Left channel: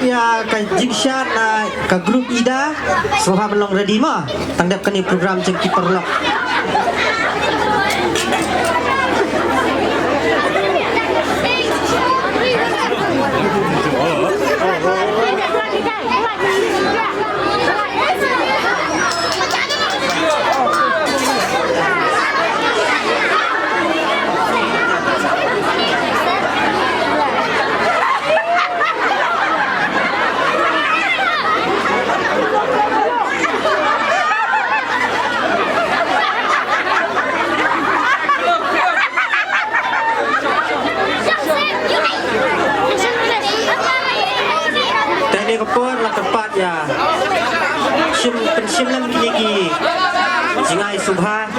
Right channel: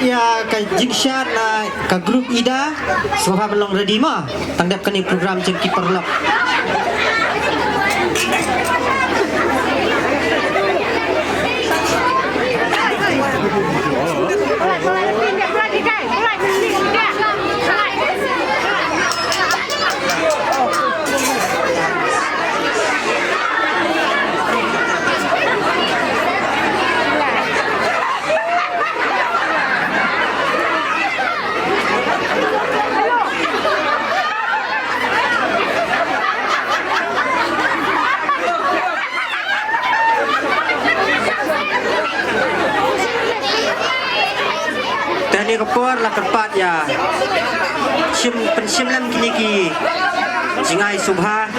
ya ka jingshan ka grup ida sngewbha belong ready mah tangdap kani program jeng kiper lok. Kepon lah tempat ya pensiunan kini ki sngewbha